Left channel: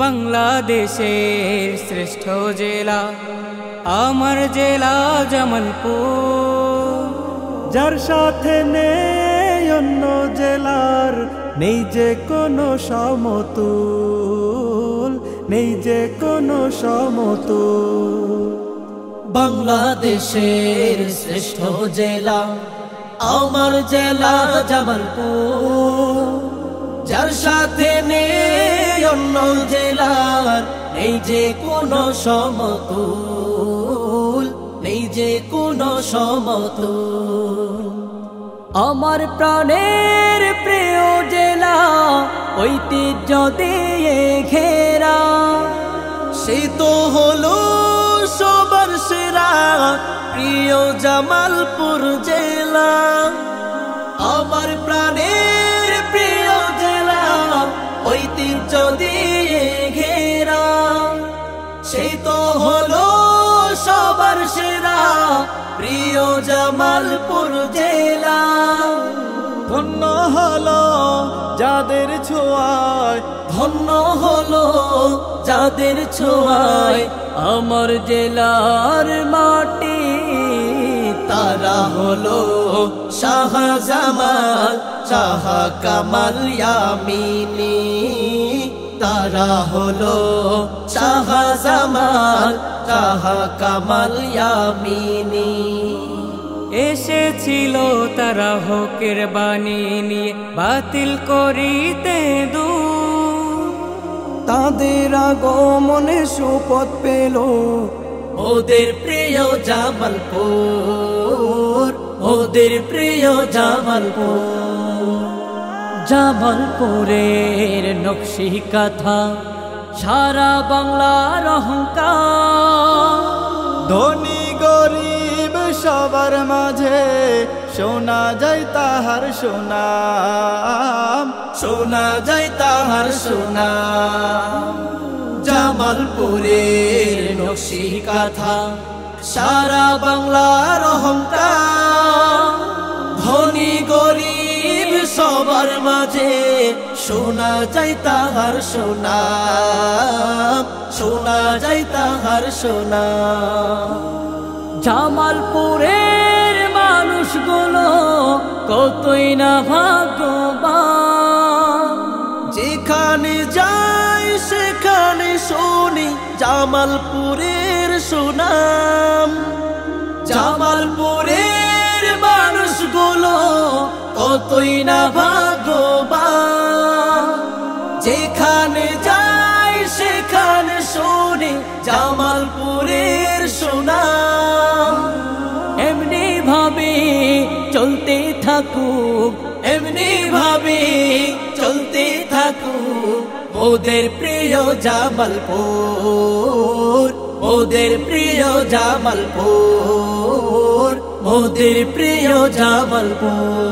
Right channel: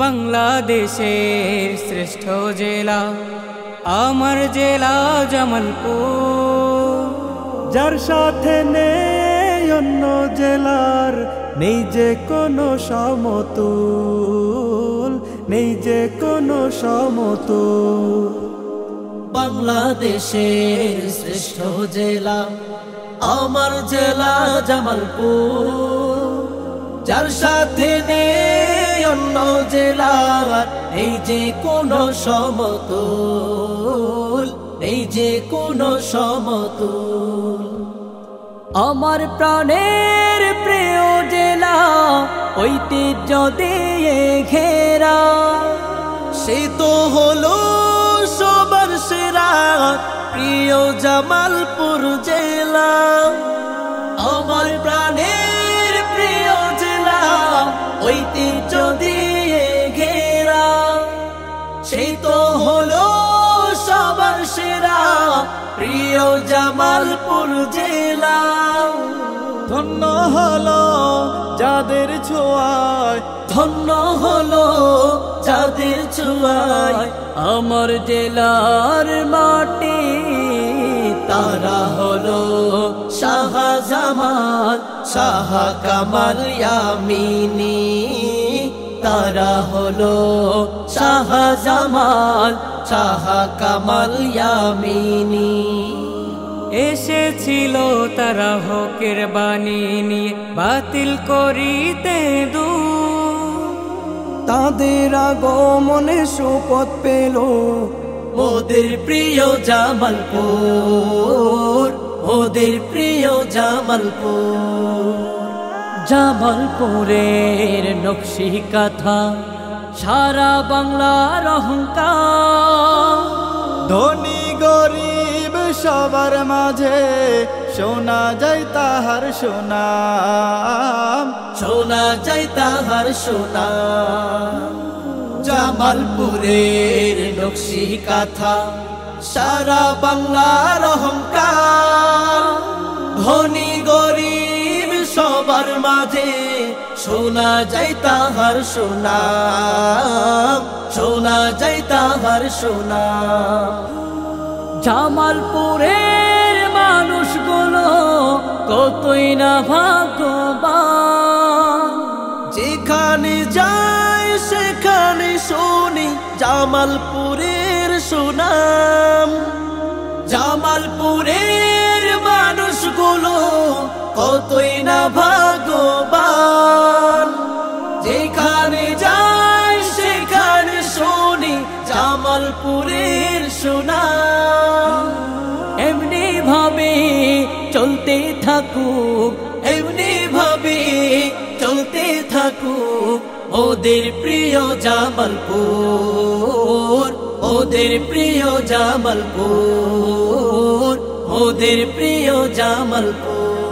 বাংলাদেশের শ্রেষ্ঠ জেলা আমার জেলা জামালপুর, যার সাথে নেই অন্য জেলার, নেই যে কোনো সমতুল, নেই যে কোনো সমতুল। বাংলাদেশের শ্রেষ্ঠ জেলা আমার জেলা জামালপুর, যার সাথে নেই অন্য জেলার, এই যে কোনো সমতুল, এই যে কোনো সমতুল। আমার প্রাণের প্রিয় জেলা ঐতিহ্য দিয়ে ঘেরা, সে তো হলো সবার সেরা প্রিয় জামালপুর জেলা। আমার প্রাণের প্রিয় জেলা ঐতিহ্য দিয়ে ঘেরা, সে তো হলো সবার সেরা প্রিয় জামালপুর জেলা। ধন্য হলো যাদের ছোঁয়ায়, ধন্য হলো যাদের ছোঁয়ায় আমার জেলার মাটি। তারা হলো শাহজামান, শাহ কামাল ইয়ামিনী। তারা হলো শাহজামান, শাহ কামাল ইয়ামিনী। এসেছিল তারা হকের বাণী নিয়ে বাতিল করিতে দূর, তাদের আগমনে সুপথ পেল ওদের প্রিয় জামালপুর, ওদের প্রিয় জামালপুর। জামালপুরের নকশি কাঁথা সারা বাংলার অহংকার, ধনী গরিব সবার মাঝে শোনা যায় তাহার সুনাম, শোনা যায় তাহার সুনাম। জামালপুরের নকশি কাঁথা সারা বাংলার অহংকার, ধনী গরিব সবার মাঝে শোনা যায় তাহার সুনাম, শোনা যায় তাহার সুনাম। জামালপুরের মানুষগুলো কতই না ভাগ্যবান, যেখানে যাই সেখানে শুনি জামালপুরের সুনাম। জামালপুরের মানুষগুলো কতই না ভাগ্যবান, যেখানে যাই সেখানে শুনি জামালপুরের সুনাম। এমনি ভাবে চলতে থাকুক, এমনি ভাবে চলতে থাকুক ওদের প্রিয় জামালপুর, ওদের প্রিয় জামালপুর, ওদের প্রিয় জামালপুর।